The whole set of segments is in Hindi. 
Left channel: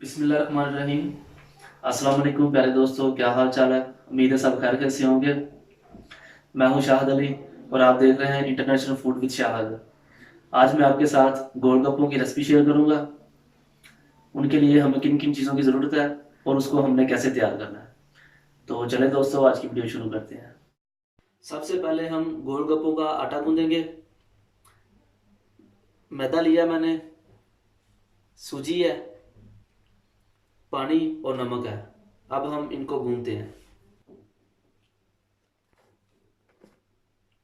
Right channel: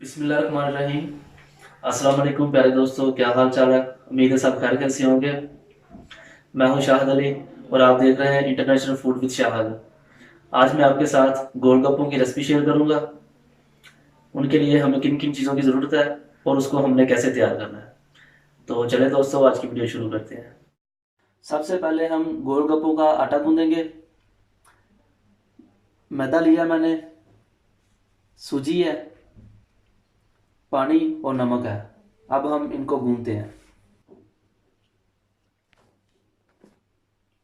बिस्मिल्लाहिर्रहमानिर्रहीम। अस्सलाम वालेकुम प्यारे दोस्तों, क्या हाल चाल है। उम्मीद है सब खैर कैसे होंगे। मैं हूं शाहिद अली और आप देख रहे हैं इंटरनेशनल फूड विद शाहिद। आज मैं आपके साथ गोलगप्पों की रेसिपी शेयर करूंगा। उनके लिए हमें किन किन चीज़ों की ज़रूरत है और उसको हमने कैसे तैयार करना है। तो चले दोस्तों, आज की वीडियो शुरू करते हैं। सबसे पहले हम गोलगप्पों का आटा गूंदेंगे। मैदा लिया मैंने, सूजी है, पानी और नमक है। अब हम इनको गूंदते हैं।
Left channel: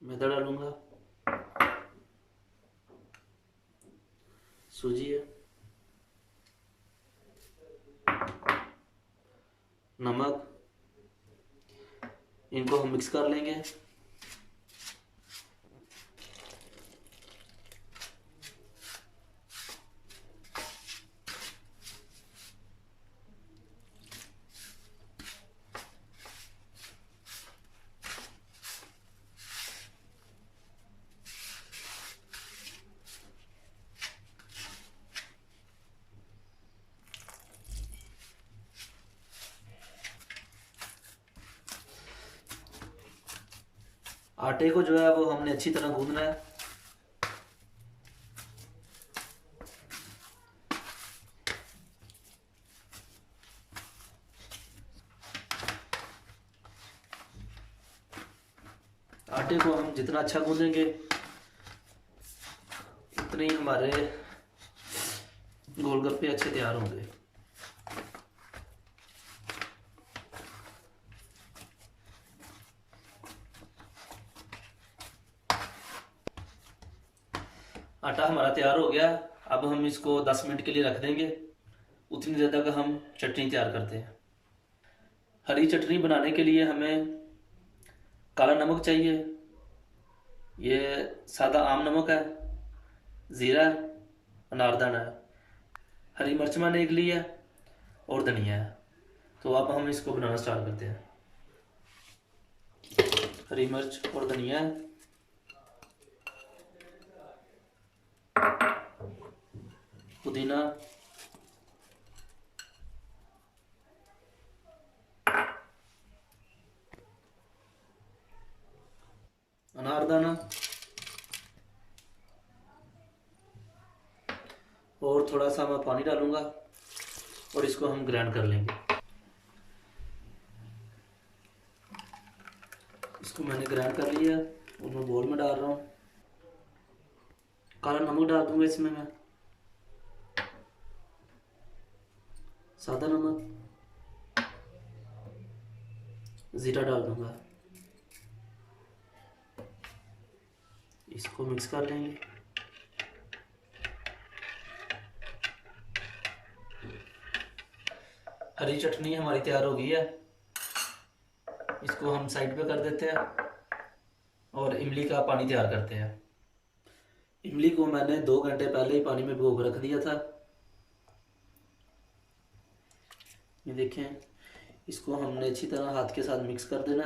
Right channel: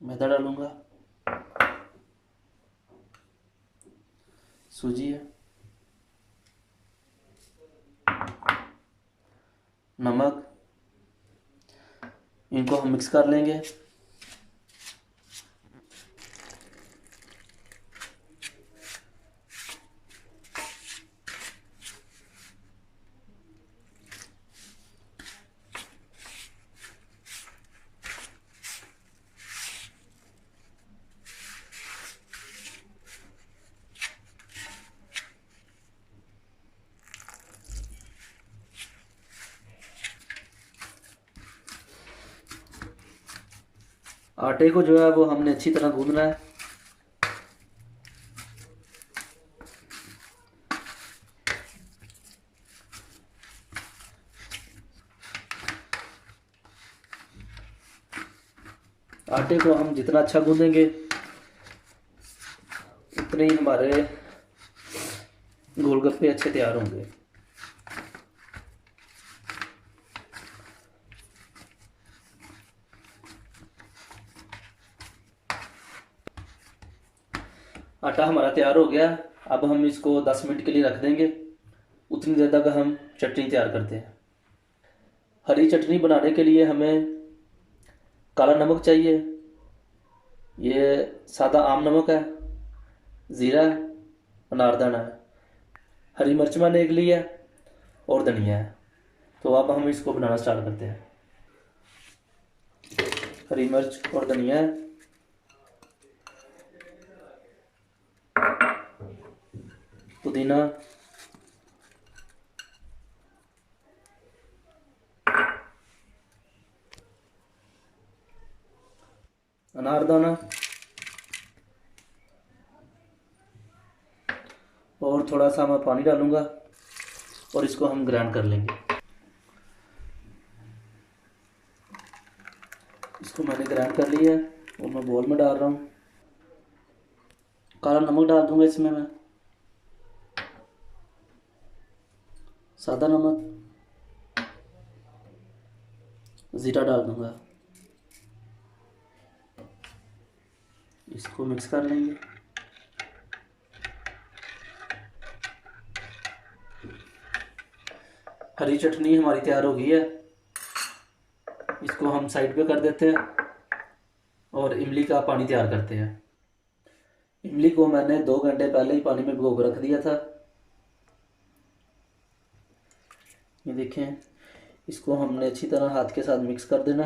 मैदा डालूंगा, सूजी है, नमक, इनको हम मिक्स कर लेंगे। आटे को जो है वो हमने अच्छी तरह गूंदना है। आटे को हम जितना अच्छा गूंदेंगे उतने ही हमारे गोलगप्पे अच्छे तैयार होंगे। आटा हमारा तैयार हो गया। अब हम इसको 10 मिनट के लिए रख देंगे। उतनी देर तक हम चटनी तैयार करते हैं। हरी चटनी बनाने के लिए हमें काला नमक चाहिए, ये सादा आम नमक है, ज़ीरा है, अनारदाना है, हरी मिर्च मैंने एक ली है और धनिया है। तो अब हम इसको बनाना स्टार्ट करते हैं। हरी मिर्च और धनिया है, पुदीना, अनारदाना और थोड़ा सा मैं पानी डालूंगा और इसको हम ग्राइंड कर लेंगे। इसको मैंने ग्राइंड कर लिया और मैं बोल में डाल रहा हूँ। काला नमक डाल दूंगा इसमें मैं, सादा नमक, ज़ीरा डाल दूंगा। इसको मिक्स कर लेंगे। हरी चटनी हमारी तैयार हो गई है। इसको हम साइड पे कर देते हैं और इमली का पानी तैयार करते हैं। इमली को मैंने 2 घंटे पहले ही पानी में भिगो कर रख दिया था। ये देखें, इसको हमने अच्छी तरह हाथ के साथ मिक्स कर देना।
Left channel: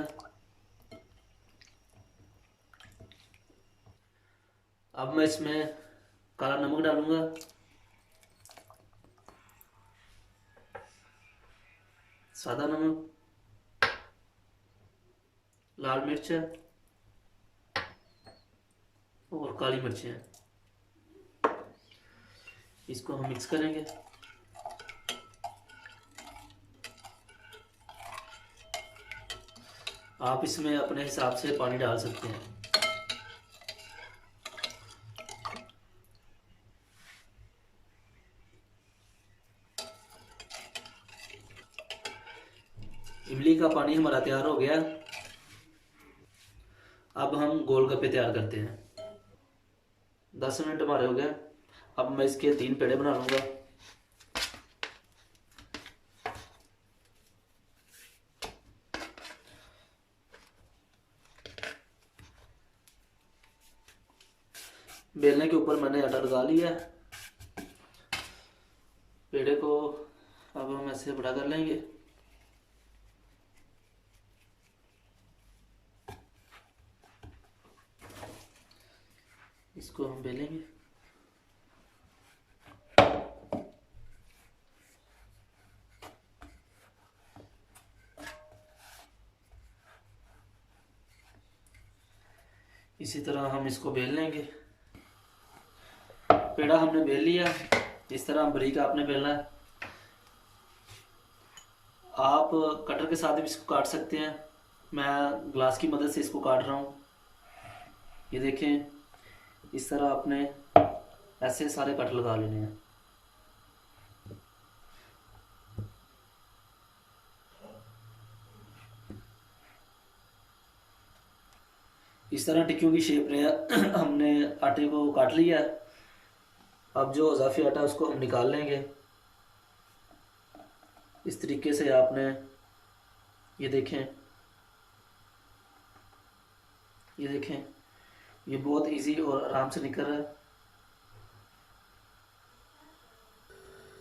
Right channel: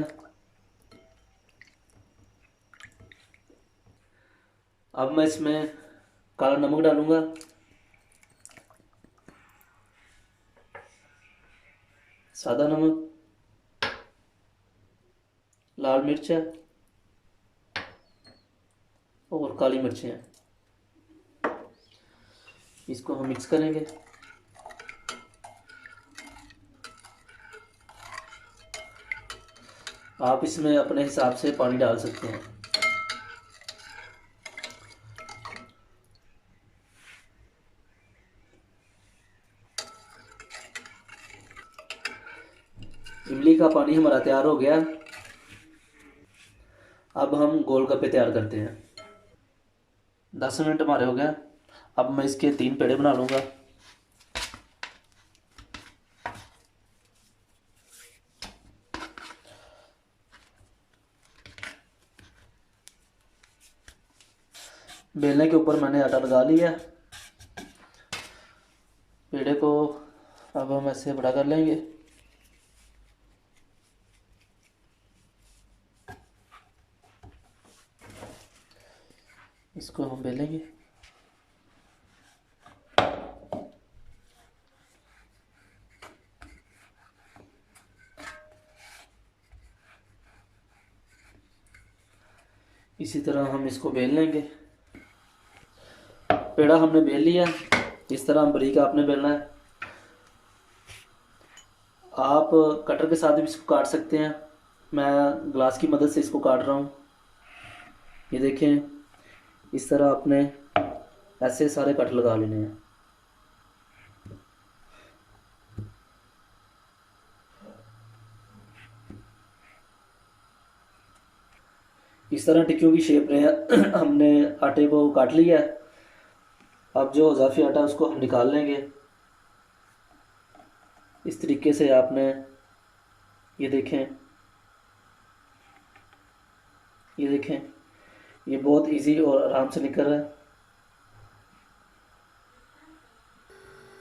अब मैं इसमें काला नमक डालूंगा, सादा नमक, लाल मिर्च है और काली मिर्चें हैं। इसको हम मिक्स करेंगे। आप इसमें अपने हिसाब से पानी डाल सकते हैं। इमली का पानी हमारा तैयार हो गया। अब हम गोलगप्पे तैयार करते हैं। 10 मिनट हमारे हो गए। अब मैं इसके 3 पेड़े बना लूँगा। बेलने के ऊपर मैंने आटा लगा लिया। पेड़े को अब हम ऐसे बड़ा कर लेंगे। इसको हम बेलेंगे। इसी तरह हम इसको बेल लेंगे। पेड़ा हमने बेल लिया, इस तरह बारीक आपने बेलना है। आप कटर के साथ भी इसको काट सकते हैं, मैं ग्लास की मदद से इसको काट रहा हूँ। ये देखें, इस तरह आपने ऐसे सारे कट लगा लेने हैं। इस तरह टिक्कियों की शेप में हमने आटे को काट लिया है। अब जो इजाफी आटा उसको हम निकाल लेंगे। इस तरीके से आपने, ये देखें, ये देखें, ये बहुत इजी और आराम से निकल रहा है।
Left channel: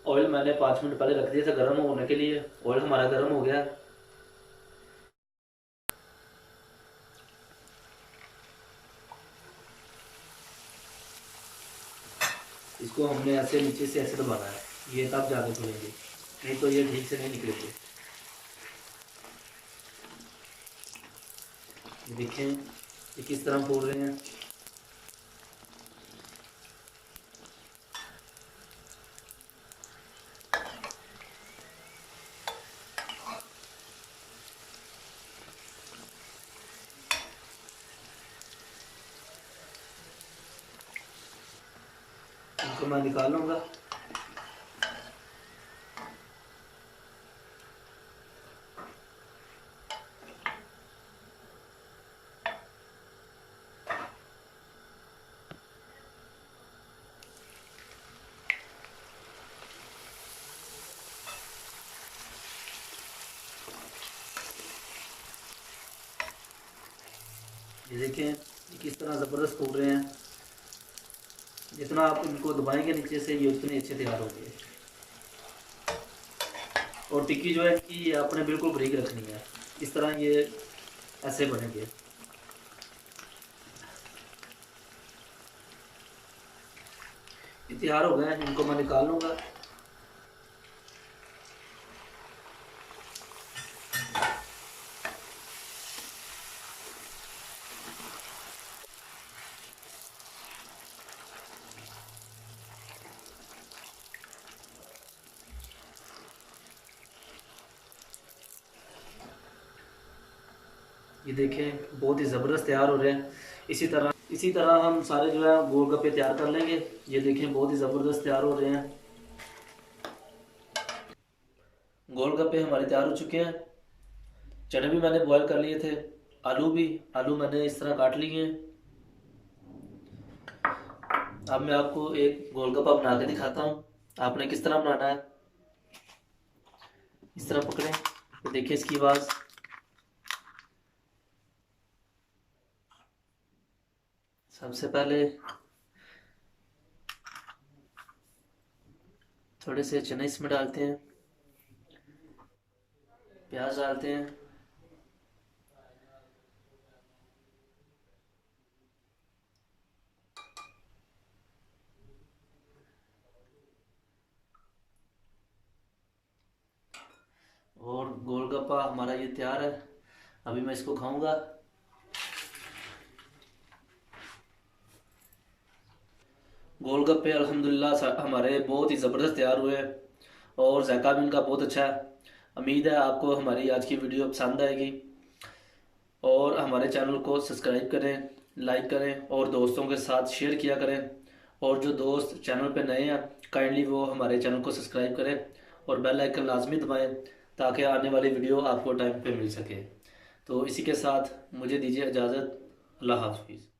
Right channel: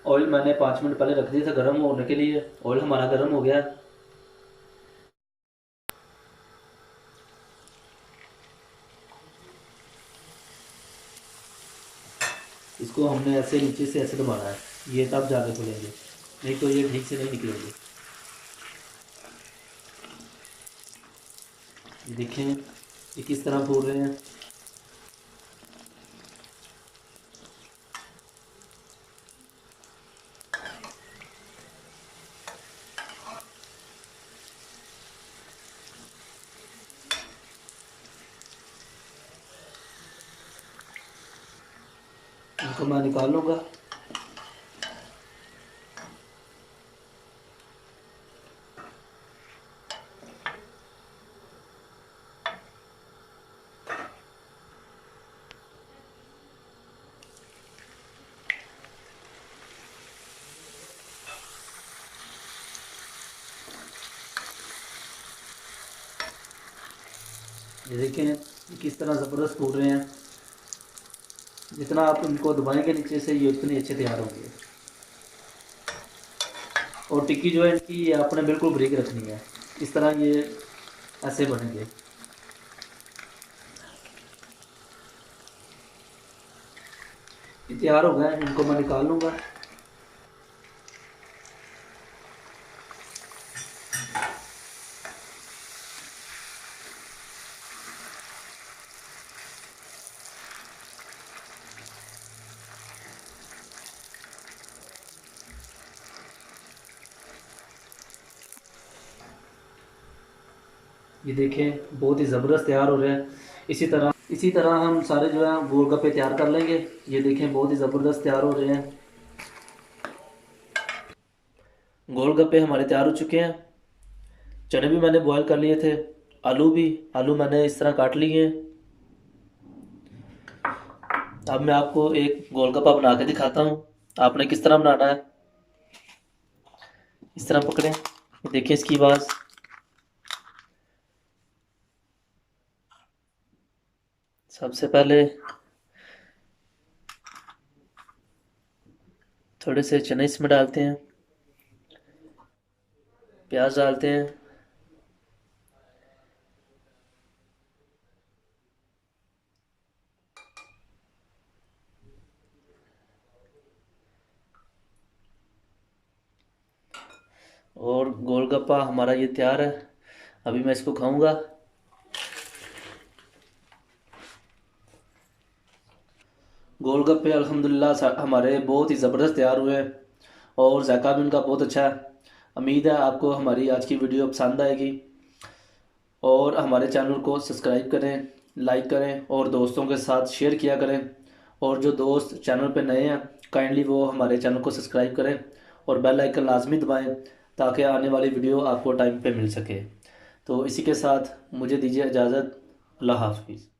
ऑयल मैंने 5 मिनट पहले रख दिया था गर्म होने के लिए। ऑयल हमारा गर्म हो गया है। इसको हमने ऐसे नीचे से ऐसे दबाना है, ये तब जाके खुलेंगे, नहीं तो ये ठीक से नहीं निकलेंगे। देखें ये किस तरह फोड़ रहे हैं। इनको मैं निकाल लूँगा। ये देखें किस तरह ज़बरदस्त फूल रहे हैं। जितना आप इनको दबाएंगे नीचे से, ये उतने अच्छे तैयार होंगे। और टिक्की जो है इसकी, ये आपने बिल्कुल बारीक रखनी है। इस तरह ये ऐसे बनेंगे। ये तैयार हो गए, इनको मैं निकाल लूँगा। ये देखें बहुत ही ज़बरदस्त तैयार हो रहे हैं। इसी तरह हम सारे जो है गोलगप्पे तैयार कर लेंगे। ये देखें बहुत ही ज़बरदस्त तैयार हो रहे हैं। गोलगप्पे हमारे तैयार हो चुके हैं। चने भी मैंने बॉईल कर लिए थे, आलू मैंने इस तरह काट लिए हैं। अब मैं आपको एक गोलगप्पा बना के दिखाता हूँ। आपने किस तरह बनाना है, इस तरह पकड़ें, देखिए इसकी आवाज़। सबसे पहले थोड़े से चने इसमें डालते हैं, प्याज डालते हैं, और गोलगप्पा हमारा ये तैयार है। अभी मैं इसको खाऊंगा। गोलगप्पे अल्हम्दुलिल्लाह हमारे बहुत ही ज़बरदस्त तैयार हुए हैं और जायका भी उनका बहुत अच्छा है। उम्मीद है आपको हमारी आज की वीडियो पसंद आएगी और हमारे चैनल को सब्सक्राइब करें, लाइक करें और दोस्तों के साथ शेयर किया करें। और जो दोस्त चैनल पे नए हैं, काइंडली वो हमारे चैनल को सब्सक्राइब करें और बेल आइकन लाजमी दबाएं ताकि आने वाली वीडियो आपको टाइम पे मिल सके। तो इसी के साथ मुझे दीजिए इजाज़त। अल्लाह हाफिज़।